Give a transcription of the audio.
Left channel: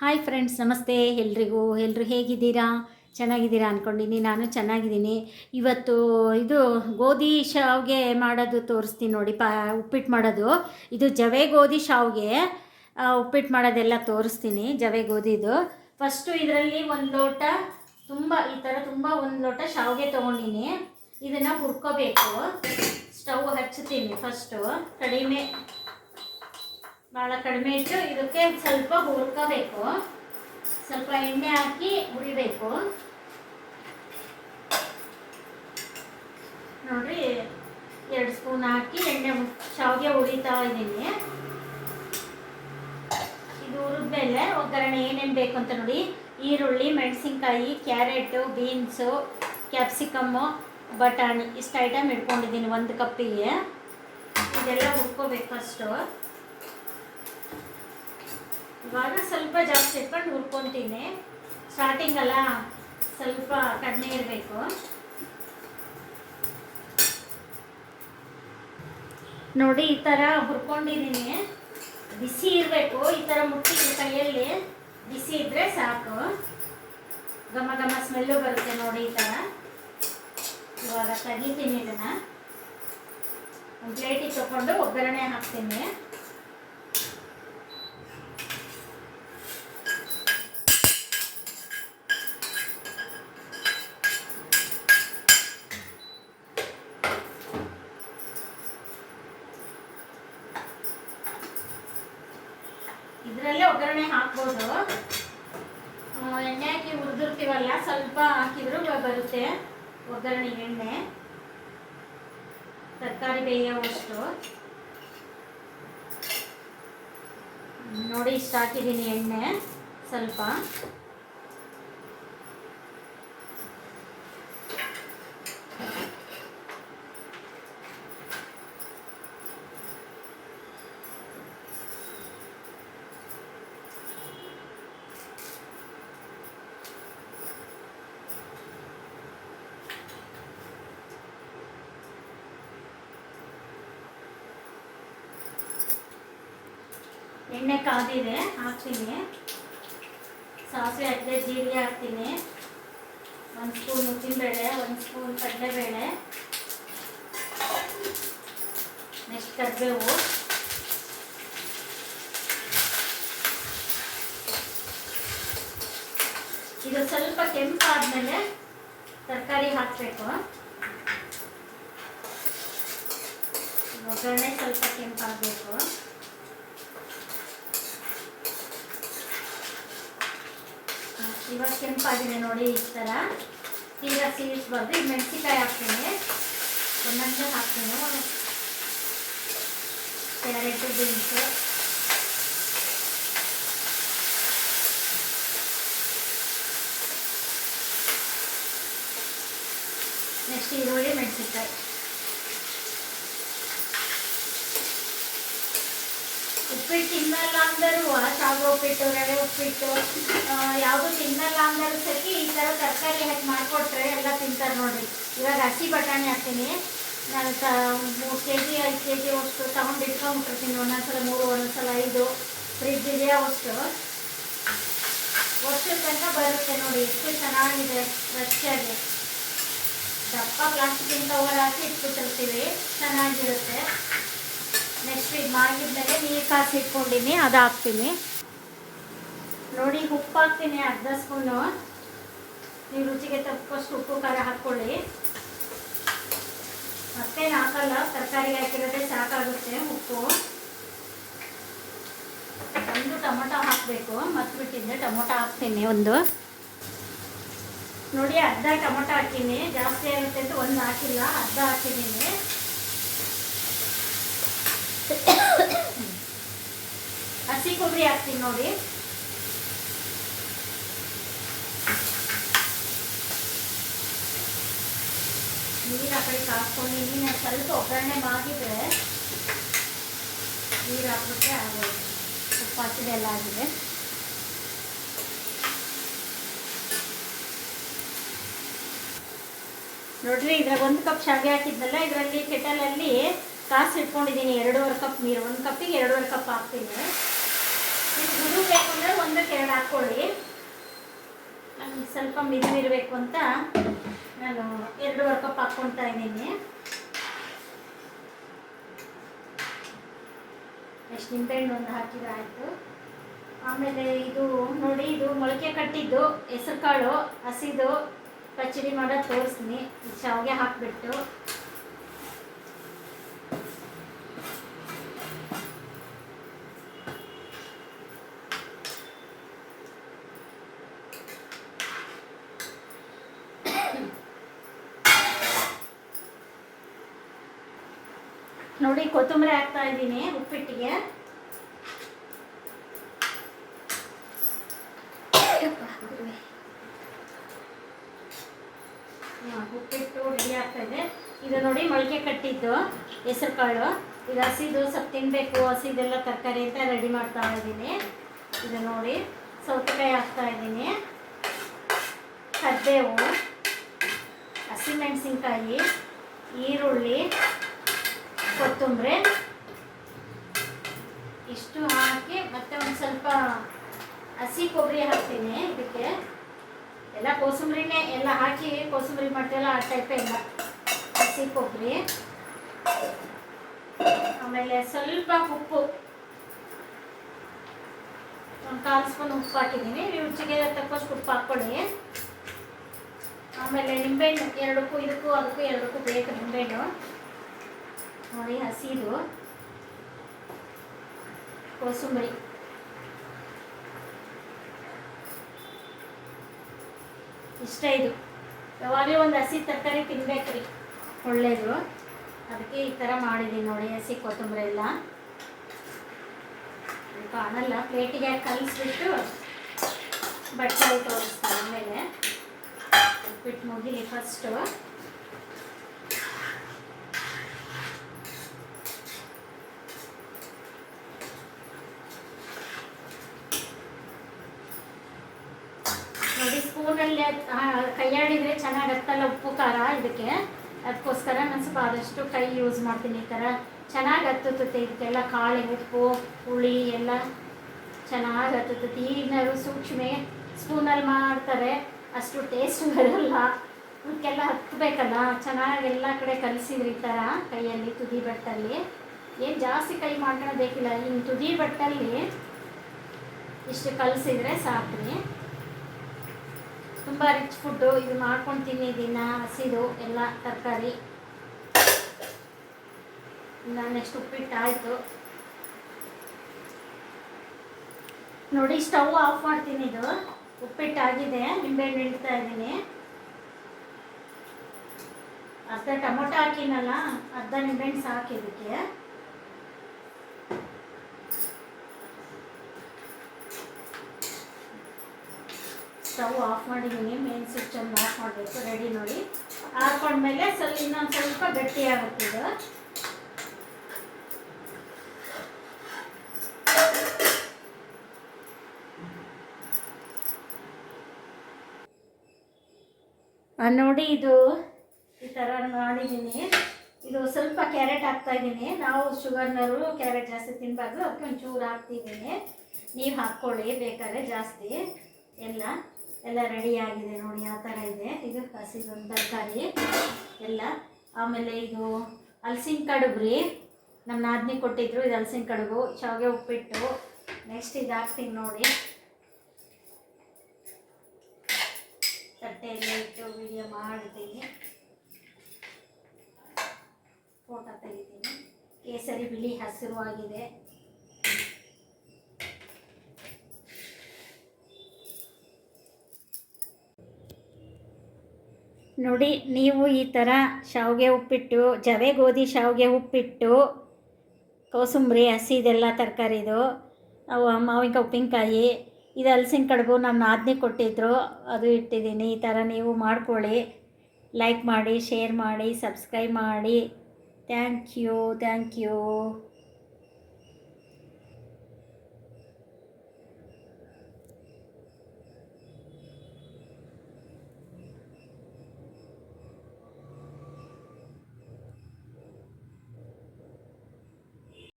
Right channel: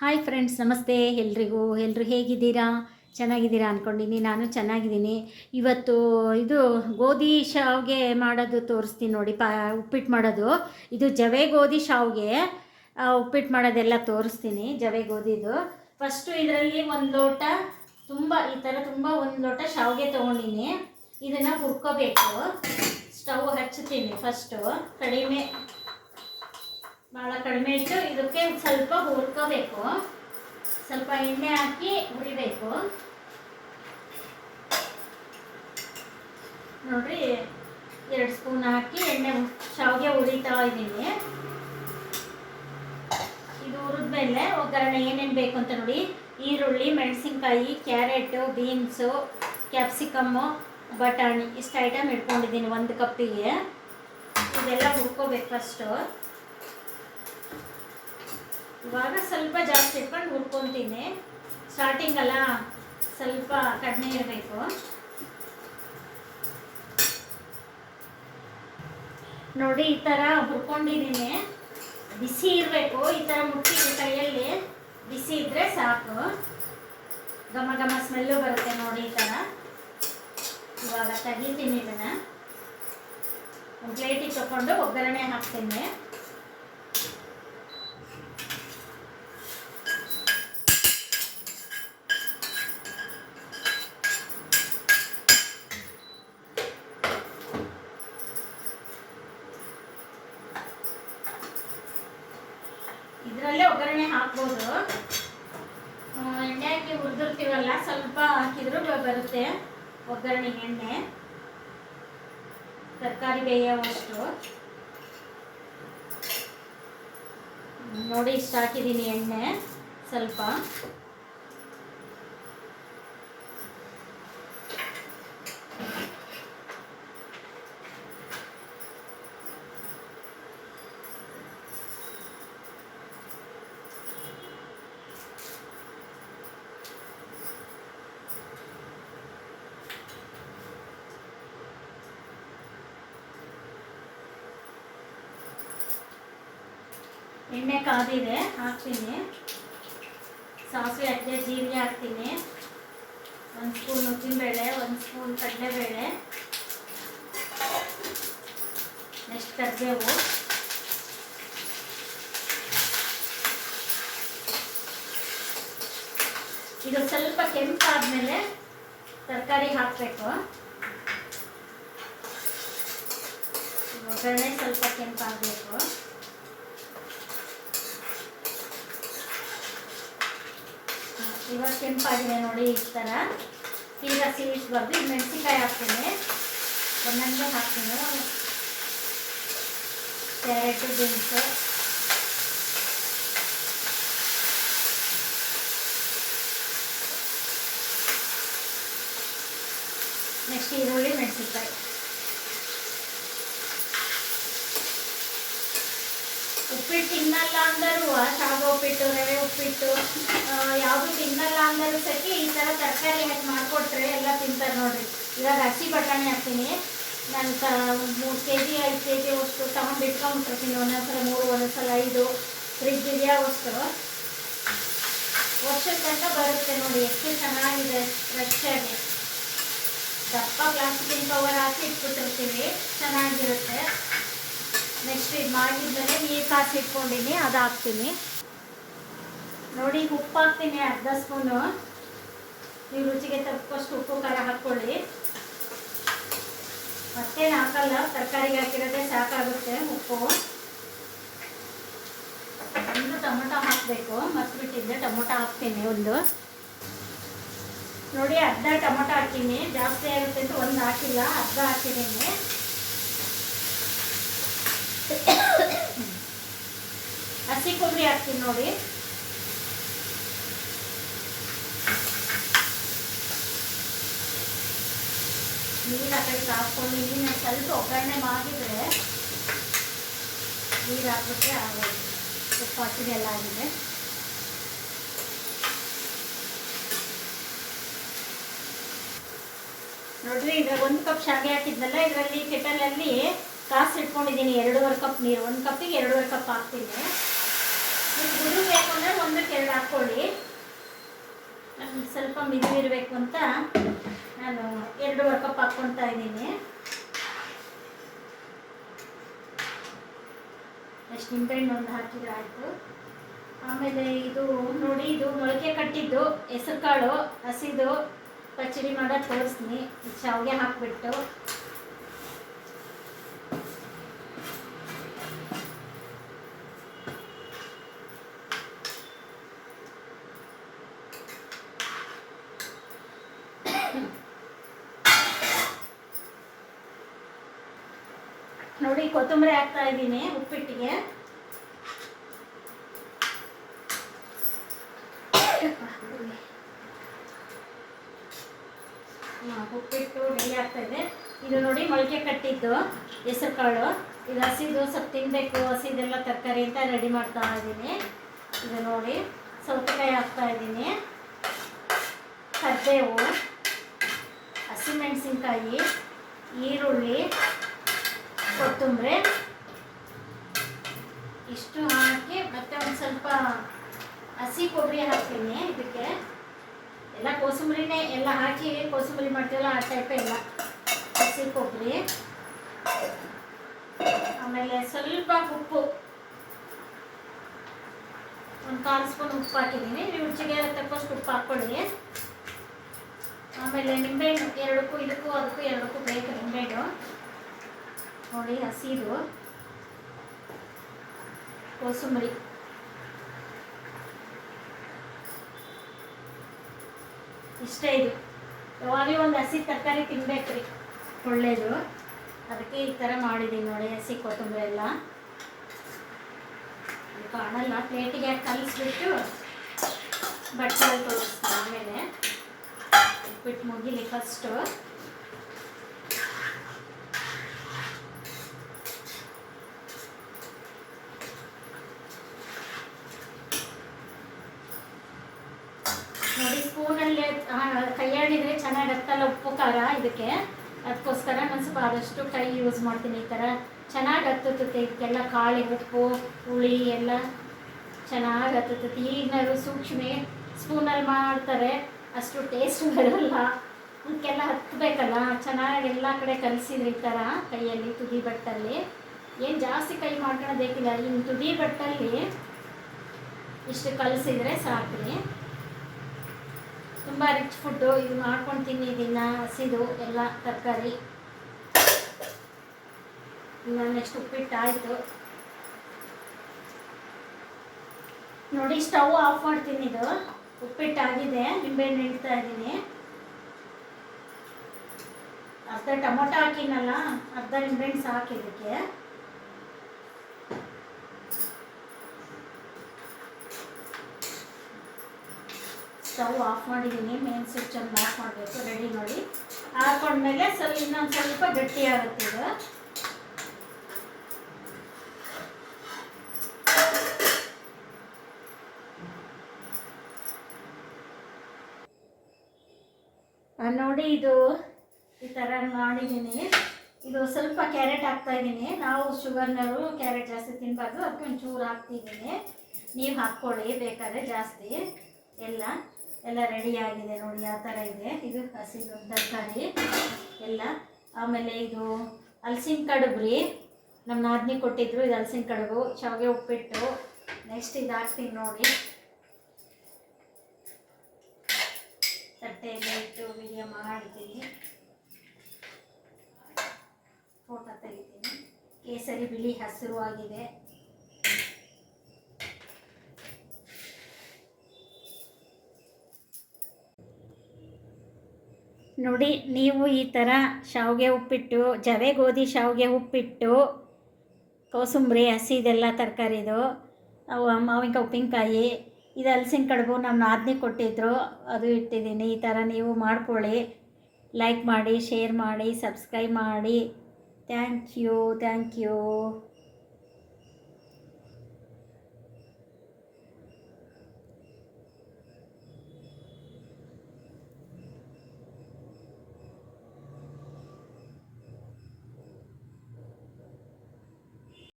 Hi friends, ನಮಸ್ತೆ ಎಲ್ರಿಗೂ. ಎಲ್ಲರೂ ಹೇಗಿದ್ದೀರಾ? ಚೆನ್ನಾಗಿದ್ದೀರಾ ಅಂದ್ಕೊಂಡಿನಿ. ನಾನು ಚೆನ್ನಾಗಿದ್ದೀನಿ. ಇವತ್ತು ಇದು ಗೋಧಿ ಶಾವಿಗೆ ಮಾಡೋದು ತೋರಿಸ್ತೀನಿ ನೋಡಿ. ಉಪ್ಪಿಟ್ಟು ಮಾಡೋದು. ಇದು ಜವೆ ಗೋಧಿ ಶಾವಿಗೆ ಉಪ್ಪಿಟ್ಟು ಮಾಡೋದೆಲ್ಲ ತೋರಿಸ್ತೀನಿ. ಜವೆ ಗೋಧಿದು ಫಸ್ಟು ಇದರಲ್ಲಿ ಒಂದು ಲೋಟ ಈ ಥರ ಒಂದು ಲೋಟ ಶಾವಿಗೆ ತೊಗೊಂಡಿನಿ. ಇದನ್ನು ಹುರ್ಕೋಬೇಕು. ಸ್ಟವ್ ಹಚ್ತೀನಿ. ಫಸ್ಟು ಭಾಳ ಕಡಿಮೆ ಇಟ್ಟು ಇದಕ್ಕೆ ಸ್ವಲ್ಪ ಹುರ್ಕೋಬೇಕು. ಸ್ವಲ್ಪ ಎಣ್ಣೆ ಹಾಕಿ ಹುರಿಬೇಕು. ನೋಡ್ರಿ, 2 ಸ್ಪೂನ್ ಹಾಕಿ ಶಾವಿಗೆ ಹುರಿತಾ ಇದ್ದೀನಿ. ಇದು ಹುರಿದ್ಮೇಲೆ ಒಗ್ಗರಣೆ ಏನೇನು ಬೇಕು ಅಂತ ನೋಡಿ. ಈರುಳ್ಳಿ, ಮೆಣಸಿನ್ಕಾಯಿ, ಕ್ಯಾರೆಟು, ಬೀನ್ಸು, ಕ್ಯಾಪ್ಸಿಕಮ್ಮು, ಬಟಾಣಿ ಇಷ್ಟು ಐಟಮ್ ಇಟ್ಕೊಂಡಿದ್ದೀನಿ 1 ಕಪ್ಪಿಗೆ. ಇದೆಲ್ಲ ಹುರ್ಕೋಬೇಕು ಫಸ್ಟು. ಇವಾಗ ಸ್ವಲ್ಪ ಜಾಸ್ತಿ ಇಟ್ಕೊಂಡು ಹುರ್ಕೊತೀನಿ. ಸ್ಟಾರ್ಟಿಂಗ್ ಅಲ್ಲ, ಸ್ವಲ್ಪ ಕಡಿಮೆ ಇರಬೇಕು. ನೋಡಿ, ಈ ಥರ ಹುರ್ಕೊಂಡಿದ್ದೀನಿ. ಬಿಸಿ ಇರಬೇಕು. ಈ ಥರ ಮುಟ್ಟಿದ ಕೈಯಲ್ಲಿ ಬಿಸಿ ಇದ್ದರೆ ಸಾಕು. ಘಮ ಘಮ ಸ್ಮೆಲ್ಲು ಬರುತ್ತೆ ನೋಡಿ. ಈ ಥರ ಇವಾಗ ತೆಗಿತೀನಿ. ಇದನ್ನು ಒಂದು ಪ್ಲೇಟಿಗೆ ತಗೊಂಡು ಒಗ್ಗರಣೆ ಹಾಕ್ತೀನಿ. ಇದರಲ್ಲೇ ಒಗ್ಗರಣೆ ಹಾಕ್ಬೋದು. ಎಣ್ಣೆ ಹಾಕಿ ಹುರಿದಿರ್ತೀವಲ್ಲ, ಸ್ವಲ್ಪ ಹಾಕಿದ್ರು ಬರುತ್ತೆ ಒಗ್ಗರಣೆ. ಎಣ್ಣೆ ತರಕಾರಿ ಬೇಯೋವಷ್ಟು ನೋಡಿ. ಇಷ್ಟು ಹಾಕಿದ್ದೀನಿ ಎಣ್ಣೆ ಸ್ವಲ್ಪ. ಎಣ್ಣೆ ಕಾದಿದೆ, ಹಾಕ್ತೀನಿ. ಸಾಸಿವೆ ಹಾಕಿದೆ, ಜೀರಿಗೆ ಹಾಕ್ತೀನಿ, 1 ಸ್ಪೂನ್ ಉದ್ದಿನಬೇಳೆ, 1 ಸ್ಪೂನ್ ಕಡಲೆಬೇಳೆ, ನೆಕ್ಸ್ಟ್ ಕರಿಬೇವು. ಇದು ಸ್ವಲ್ಪ ಕೆಂಪಾದ್ಮೇಲೆ ತರಕಾರಿ ಹಾಕಬೇಕು. ಒಗ್ಗರಣೆ ಸ್ವಲ್ಪ ಕೆಂಪಾಗಬೇಕು. ಇವಾಗ ಕೆಂಪಾಗಿದೆ ನೋಡಿ. ಈ ಥರ ತೀರಾ ಸೀಳಿಸ್ಬಾರ್ದು. ಈಗ ಮೆಣಸಿನ್ಕಾಯಿ ಹಾಕ್ತೀನಿ, ಚೆನ್ನಾಗಿ ಹಾಕ್ತೀನಿ. ಕ್ಯಾರೆಟು, ಬೀನ್ಸು, ನೆಕ್ಸ್ಟ್ ಈರುಳ್ಳಿ, ಮೆಣಸಿನ್ಕಾಯಿ. ಉಪ್ಪಿಟ್ಟು ತಿನ್ನಲ್ಲ ಅಂದರೂ, ಶಾವಿಗೆ ಉಪ್ಪಿಟ್ಟು, ರವೆ ಉಪ್ಪಿಟ್ಟು ಯಾವುದು ತಿನ್ನಲ್ಲ ಅಂದರೂ ಸತಿ ಈ ಥರ ತರಕಾರಿ ಹಾಕಿ ಮಾಡಿಕೊಟ್ರೆ ಎಲ್ಲ ತಿಂತಾರೆ ನೋಡಿರಿ. ಇವಾಗ ಹಸಿ ಬಟಾಣಿ ಹಾಕ್ತೀನಿ. ನಾನು 3 kg 5 kg ಅಷ್ಟು ತಗೊಂಡು ಇಟ್ಕೊಂಡ್ಬಿಟ್ಟಿರ್ತೀನಿ. ಒಂದೊಂದ್ಸಲ 3, ಒಂದೊಂದ್ಸಲ 5 ಫ್ರಿಜ್ ಇದೆಯಾ ಅಷ್ಟು. ವರ್ಷದ ತನಕ ಬರುತ್ತೆ ನೋಡಿ. ಎಷ್ಟು ಚೆನ್ನಾಗಿದೆ ಫ್ರೆಶ್ಶಾಗಿ. ದಪ್ಪ ಪ್ಲಾಸ್ಟಿಕ್ಕಿನ ಕವರ್ ಹಾಕಿ ಇಟ್ಬಿಟ್ಟಿರ್ತೀವಿ, ಚೆನ್ನಾಗಿರುತ್ತೆ. ನೆಕ್ಸ್ಟ್ ಇದು ಮಾಡಿದ್ಮೇಲೆ ನೀರು ಕಾಸಿ ಇಟ್ಕೊಂಡಿನಿ, ಅದು ಹಾಕ್ತೀನಿ ನೋಡಿ. ಉಪ್ಪು ಹಾಕ್ತೀನಿ 1/2 ಸ್ಪೂನು. ನೀವು ರುಚಿಗೆ ತಕ್ಕಷ್ಟು ಉಪ್ಪು, ಖಾರ ಹಾಕ್ಕೊಳ್ಳಿ. ಮತ್ತೇನು ಹಾಕಲ್ಲ, ತರಕಾರಿಗೆ ಹಾಕಿರೋದೇ ಸಾಕಾಗುತ್ತೆ ಉಪ್ಪು. 1 ಟೊಮೊಟೊ ಹಾಕಬೇಕು, ಮರ್ತ್ಬಿಟ್ಟಿದ್ದೆ. ಟೊಮೊಟೊ ಹಾಕ್ತೀನಿ 1 ನೋಡಿ. ಅರ್ಧ ಟೊಮೊಟೊ ಹಾಕ್ತೀನಿ. ಜಾಸ್ತಿ ಆಗುತ್ತೆ ಅಂತ 1 ಹಾಕಿಲ್ಲ, ಅರ್ಧ ಹಾಕಿದ್ದೀನಿ. ಹಸಿ ಕೊಬ್ಬರಿ ಹಾಕ್ತೀನಿ ನೋಡಿ. ನೀರು ಹಾಕಿ ಹಾಕ್ಕೊಂಡು ನೀರಿನ ಸ್ವಲ್ಪ ಒಗ್ಗರಣೆ ಮಾಡಿದ್ರೆ ನೀರು ಹಾಕ್ಬಿಟ್ರೆ ಆಗೋದು. ಉಪ್ಪು ಹಾಕಿದೆಲ್ಲ ಆಗಿದೆ. ನೋಡ್ರಿ, ಇದ್ರಾಗ 1 ಕಪ್ ಶಾವಿಗೆ ಹಾಕಿದ್ನಲ್ಲ, ಇದರಲ್ಲಿ ಕೆಟಲಲ್ಲಿ ಕಾಸು ಇಟ್ಕೊಂಡಿದ್ದೀನಿ 2.5 ಕಪ್ ನೀರು. 1 ಕಪ್ಪಿಗೆ 2.5 ಕಪ್ ಹಾಕ್ತೀನಿ. ಇದು ಬೇಕು ಅಂದರೆ ಒಂದಕ್ಕೆ ಎರಡು ಹಾಕ್ಕೊಳ್ಳಿ. ನನಗೆ ಸ್ವಲ್ಪ ಮಿದುವಿರಬೇಕು ಅಂತ ನಾನು 2.5 ಕಪ್ ಹಾಕ್ಕೊತಾ ಇದ್ದೀನಿ. ಎಷ್ಟು ನಿಂಬೆಹಣ್ಣು ಒಂದು ಹಾಕಿದ್ರೆ ಆಯಿತು. ಆಮೇಲೆ ಇದು ನೋಡಿ, ಇದು ಮೊಳಕೆ ಕಟ್ಟಿದ್ದು ಹೆಸರು ಕಾಳು ಹಸಿದು ಪಚ್ಚಡಿ ಮಾಡೋದು ತೋರಿಸ್ತೀನಿ. ಶಾವಿಗೆ ಹಾಕಿಬಿಟ್ಟು ನೋಡಿ, ಕೊತ್ತಂಬರಿ ಹಾಕ್ತಾ ಇದ್ದೀನಿ ಉಪ್ಪಿಟ್ಟಿಗೆ. ಉಪ್ಪಿಟ್ಟು ರೆಡಿ ಆಗ್ತಾ ಇದೆ. ಇದು ನೋಡಿ ಮೊಳಕೆ ಕಟ್ಟಿದ್ದು ಹೆಸರು ಕಾಳು. ಇದು ಹಸಿದು ಸ್ವಲ್ಪ ತಿನ್ನಬೇಕು, ಹಸಿದೆಲ್ಲ ತರಕಾರಿ ಅಂತ ರೆಡಿ ಮಾಡ್ತಾ ಇದ್ದೀನಿ. ಇದು ನೋಡಿ ಸೌತೆಕಾಯಿ ಹಾಕ್ತಾ ಇದ್ದೀನಿ, ಕರಿಬೇವು, ಹಸಿಮೆಣಸಿನ್ಕಾಯಿ, ಈರುಳ್ಳಿ, ಕೊತ್ತಂಬರಿ ಇಷ್ಟು ಹಾಕಿ ಮತ್ತೆ ಒಂದು ಸ್ವಲ್ಪ ಹಸಿ ಕೊಬ್ಬರಿ ಹಾಕ್ತೀನಿ. ಇದಕ್ಕೆ ಎಲ್ಲ ಕೋಸಂಬರಿನೇ ಎಲ್ಲ ಹಾಕಿ ಕೋಸಂಬರಿ ಮಾಡ್ತೀವಲ್ಲ ಆ ಟೈಪೇ ಎಲ್ಲ ಹಸಿ ಕೊಬ್ಬರಿ. ಆಮೇಲೆ ಸ್ವಲ್ಪ ಉಪ್ಪು, ಒಂದು 1/4 ಸ್ಪೂನ್ ಉಪ್ಪು ಹಾಕಿದ್ದೀನಿ. ರುಚಿಗೆ ತಕ್ಕಷ್ಟು ಉಪ್ಪು ಹಾಕ್ಕೊಳ್ಳಿ. ಆಮೇಲೆ ನಿಂಬೆಹಣ್ಣು ಇದಕ್ಕೂ ಎರಡಕ್ಕೂ ಬೇಕು ನಿಂಬೆಹಣ್ಣು. ನೋಡಿ ಹಸಿದು ಕೋಸಂಬರಿ ಇಷ್ಟೇ. ಇದು ಯಾವಾಗಲೂ ಒಂದು ಹಸಿ ತರಕಾರಿ ತಿನ್ಬೇಕ್ರಿ, ಒಳ್ಳೆಯದು. ಅದಕ್ಕೆ ಈ ಥರ ಮಾಡಿದ್ದೀನಿ ನೋಡಿ. ಹಸಿ ಕೊತ್ತಂಬರಿ ಎಲ್ಲ ಕಾಣಲ್ಲ, ಪ್ಲೇಟಿಗೆ ಕಲಿಸ್ಬಿಟ್ಟು ಬಟ್ಟೆ ತೋರಿಸ್ತೀನಿ. ಆಮೇಲೆ ಉಪ್ಪಿಟ್ಟು ಮುಗಿಲಿ ಫಸ್ಟು. ನೋಡಿ ಸ್ಪೂನಲ್ಲಿ ಕೈಯಾಡಿದರೆ ಚೆನ್ನಾಗತ್ತಲ್ಲ ಉಪ್ಪು ಖಾರ ಇದಕ್ಕೆ. ಅದಕ್ಕೋಸ್ಕರ ನಾನು ಸ್ವಲ್ಪ ಆದಷ್ಟು ಕೈ ಯೂಸ್ ಮಾಡ್ತೀನಿ. ಈ ಥರ ಚೆನ್ನಾಗಿ ಹತ್ತುತ್ತೆ ಇದಕ್ಕೆಲ್ಲ. ಕಾಳಿ ಉಪ್ಪು ಹುಳಿ ಎಲ್ಲ ಚೆನ್ನಾಗಿ ಹತ್ತುತ್ತೆ. ಈಗಿನವರು ಸೂಕ್ಷ್ಮ ಸ್ಪೂನಲ್ಲಿ ಮಾಡ್ತಾರೆ, ಅಷ್ಟು ಟೇಸ್ಟ್ ಬರೋಲ್ಲ. ಇದಕ್ಕೆಲ್ಲ ಹತ್ತಬೇಕಲ್ಲ, ಚೆನ್ನಾಗಿ ಎಲ್ಲ ಕಡೆ ಕಲಿಸಿದ್ರೆ ಈ ಥರ ಕೈಯಲ್ಲಿ ತುದಿ ಬಟ್ಟಲ್ಲಿ. ಏನು ಜಾಸ್ತಿ ಕೈ ಮಾಡ್ಕೊಳೋದೇಕಿಲ್ಲ, ಹಿಂಗೆ ತುದಿ ಬಟ್ಟಲ್ಲಿ ಇಷ್ಟು ಕಲಿಸಿದ್ರೆ ಸಾಕ್ರಿ. ತುಂಬ ರಿಚ್ ಫುಡ್ಡು. ಇವು ಮಾಡ್ಕೊಂಡು ತಿನ್ನಿದ್ದೀನ ಹಸಿದು ಎಲ್ಲ ತರಕಾರಿ. ನೆಕ್ಸ್ಟ್ ಉಪ್ಪಿಟ್ಟು ಆಯಿತು ನೋಡಿ. ಸ್ಟವ್ ಆಫ್ ಮಾಡ್ತೀನಿ. ಇದು ಉಪ್ಪಿಟ್ಟಾಗಿದೆ. ನಿಂಬೆಹಣ್ಣು ಇಡ್ತಾ ಇದ್ದೀನಿ. ಅರ್ಧ ಟೊಮೊಟೊ ಹಾಕಿನಲ್ಲ, ಅರ್ಧ ನಿಂಬೆಹಣ್ಣು ಸಾಕು ಇದಕ್ಕೆ. ಸ್ಟವ್ ಆಫ್ ಮಾಡಿದ್ದೀನಿ. ಮೇನ್ ಸ್ವಿಚ್ಚನ್ನು ಆಫ್ ಮಾಡಬೇಕು. ರೆಡಿ ನೋಡಿ. ಹಾಕೊಂಡ್ಮೇಲೆ ಇನ್ನೊಂದು ಸ್ವಲ್ಪ ಗಟ್ಟಿಯಾಗುತ್ತೆ ಇದು. ನೋಡಿ, ಇದು ಈ ಥರ ಮಾಡಿದ್ದೀನಿ. ಇದು ಸ್ವಲ್ಪ ಕ್ಯಾರೆಟ್ ಹಾಕ್ತಾಯಿದ್ದೀನಿ. ನಾವು ಶುಗರ್ನವರು ಕ್ಯಾರೆಟ್ ಜಾಸ್ತಿ ತಿನ್ನಬಾರ್ದು, ಅದಕ್ಕೆ ಒಂಚೂರು ಹಾಕ್ತಿದ್ದೀನಿ. ನೀವು ಹಾಕ್ಕೊಳ್ಳಿ ಬೇಕಾದ್ರೆ ಜಾಸ್ತಿ. ಎಲ್ಲ ರೆಡಿಯಾಗಿದೆ ನೋಡಿ, ಯಾವ ಥರ ಇದೆ. ಇದು ಹಸಿದು ತರಕಾರಿ ಎಲ್ಲ. ಆಮೇಲೆ ಇದು ಹಲಸಿನ ಕಡುಬು ರೀ, ನಮ್ಮ ನಾದಿನಿ ಕೊಟ್ಟಿದ್ರು. ಇದು ಹಲಸಿನ ಕಡುಬು, ಶಾವಿಗೆ ಉಪ್ಪಿಟ್ಟು. ನೆಕ್ಸ್ಟ್ ಇದು ಹಾಕ್ತೀನಿ ನೋಡಿ. ತಟ್ಟೆಯಲ್ಲ ಇಟ್ಟು ವಿಡಿಯೋ ಮಾಡಿದ್ದೀನಿ, ಫೋಟೋ ತೆಗಿತೀನಿ. ಕೇಸರಿ ಬಿಳಿ ಹಸಿರು ಆಗಿದೆ. ನೋಡಿ, ನೀವು ಈ ಥರ ಶಾವಿಗೆ ಉಪ್ಪಿಟ್ಟು, ಜವೆ ಗೋಧಿ ಶಾವಿಗೆ ಉಪ್ಪಿಟ್ಟು, ಕೋಸಂಬರಿ ಹಸಿದೆಲ್ಲ ತರಕಾರಿದು, ಮಾವಿನಕಾಯಿ ಉಪ್ಪಿನಕಾಯಿ, ಇದು ಹಲಸಿನ ಕಡುಬು ನಮ್ಮ ನಾದಿನಿ ಕೊಟ್ಟಿದ್ದರು, ಅದು ಇಟ್ಟಿದ್ದೀನಿ. ಈ ಥರ ನೀವು ಮಾಡ್ಕೊಳ್ಳಿ. ಲೈಕ್ ಮಾಡಿ, ಶೇರ್ ಮಾಡಿ, ಸಬ್ಸ್ಕ್ರೈಬ್ ಮಾಡಿ. Thank you.